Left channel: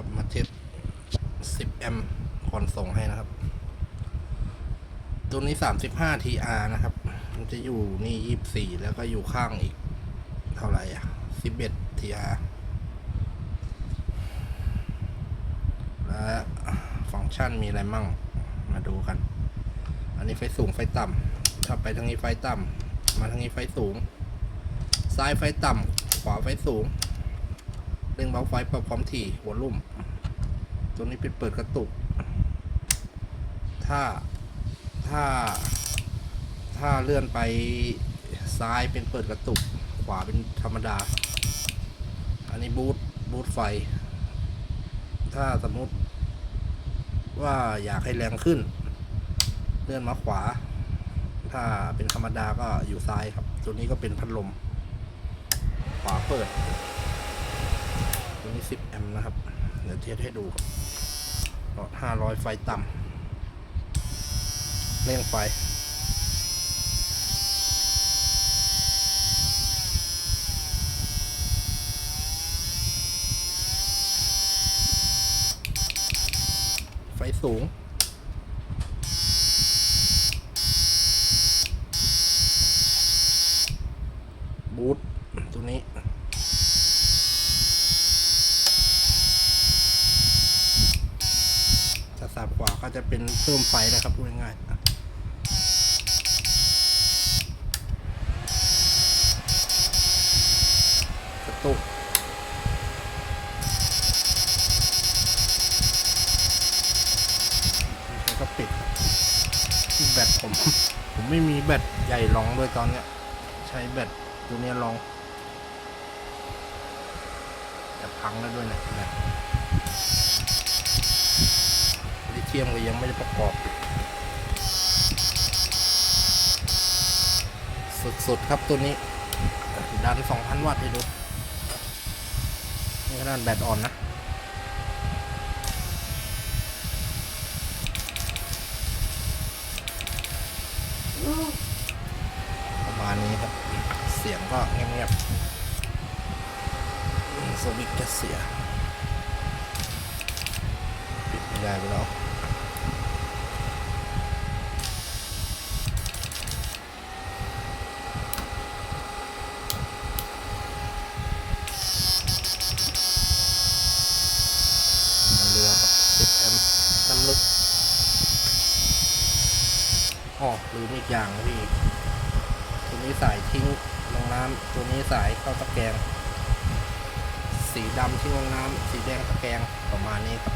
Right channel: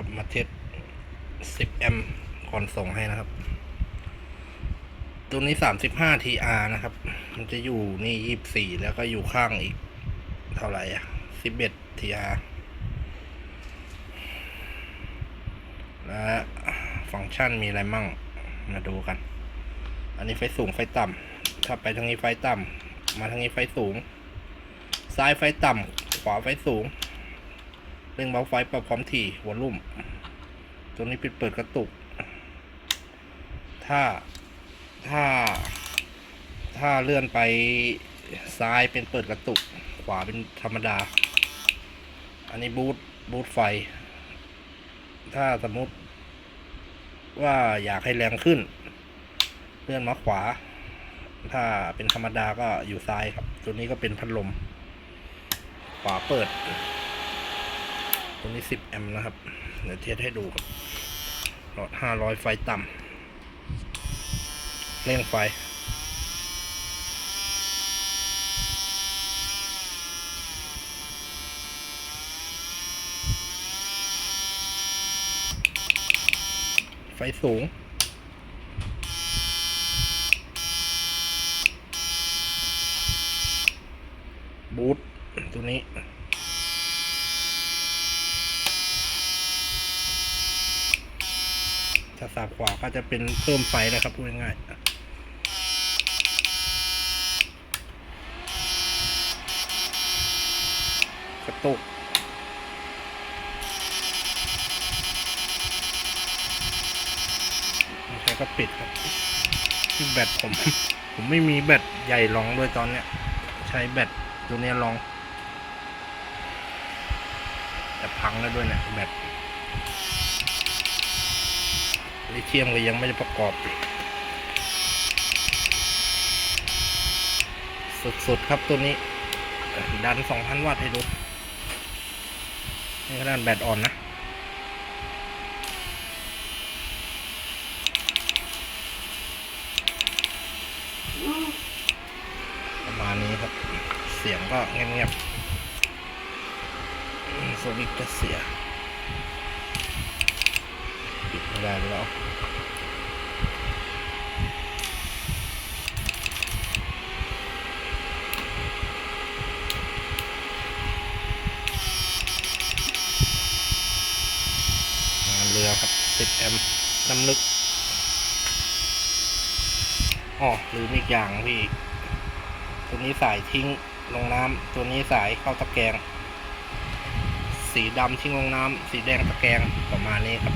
ครับ มาเทส10 แอมป์ก่อนส่งให้นะครับ ตัวนี้ 35 TR นะครับ มันจะอยู่นี่ 24 แล้วก็อยู่ข้างอีก เท่าไหร่อะ 11 TR และฟังก์ชันมีอะไรมั่ง มาดูกัน อันนี้ไฟสูงไฟต่ำถ้าไปทางนี้ไฟต่ำมาทางนี้ไฟสูง ซ้ายไฟต่ำขวาไฟสูง เร่งเบาไฟปรับความถี่หัวลุ่ม ตัวนี้ปิดเปิดกระตุก ถ้าถ้า ถ้าเลื่อนไปซ้ายเป็นเปิดกระตุก ขวาเป็นธรรมดา อันนี้บูทบูทไฟ ถ้าสมมติว่าอยากให้แรงขึ้น เลื่อนมาขวา ถ้าเป็นธรรมดาก็อยู่ซ้ายครับ ตัวนี้ก็เป็นพัดลม ขวาเปิด ตัวนี้10แอมป์นะครับ เดี๋ยวเทสให้ดูครับหลอด 500 ไฟต่ำเร่งไฟ ไฟสูงบูทตัวนี้ ถ้าสับขวาก็จะเป็นเพิ่มไฟนะครับพูดง่ายๆอะกระตุกใช่ก็ปิดครับแบตผม ผมไม่มีแบตใหญ่รองด้วยตอนเนี้ย ใช้แบตตัวเนี้ยรองจะพังแล้วด้วยเนี่ยแบต เทียมก็ยังไม่ได้ประกอบ สุดๆครับตัวนี้ ดัน 2,000 วัตต์ให้ดู นี่ขนาดแบตอ่อนนะประมาณนี้ครับ เสียงก็เงียบๆสวิตช์ก็เสียปิดไม่ได้แล้วงานเรือครับ 10 แอมป์ น้ำลึกอ๋อลืมอีกอย่างพี่ตัวนี้สายทิ้งลงน้ำตัวนี้สายเข้าตะแกรงสีดำทิ้งลงน้ำสีแดงตะแกรงประมาณนี้ครับ